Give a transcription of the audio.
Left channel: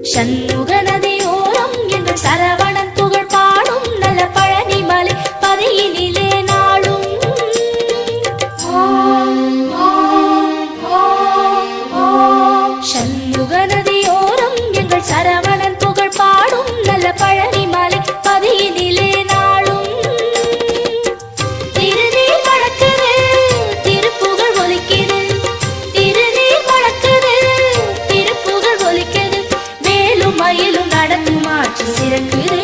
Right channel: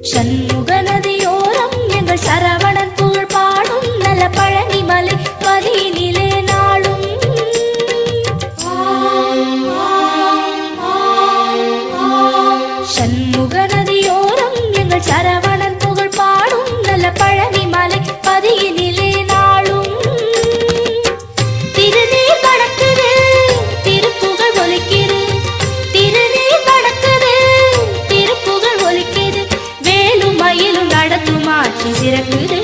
சண்முக நதியோரம் எங்கள் சரவணன் புகழ் பாடும் நல பழனி மலை பதியினிலே நாளும் சண்முக நதியோரம் எங்கள் சரவணன் புகழ் பாடும் நல பழனி மலை பதியினிலே நாளும் திருநீர் வடக்குது திருப்புகழ் ஒலிக்குது திருநீர் வடக்குது திருப்புகழ் ஒலிக்குது வேலும் மயிலும் நடத்தும் ஆட்சி சிறக்குது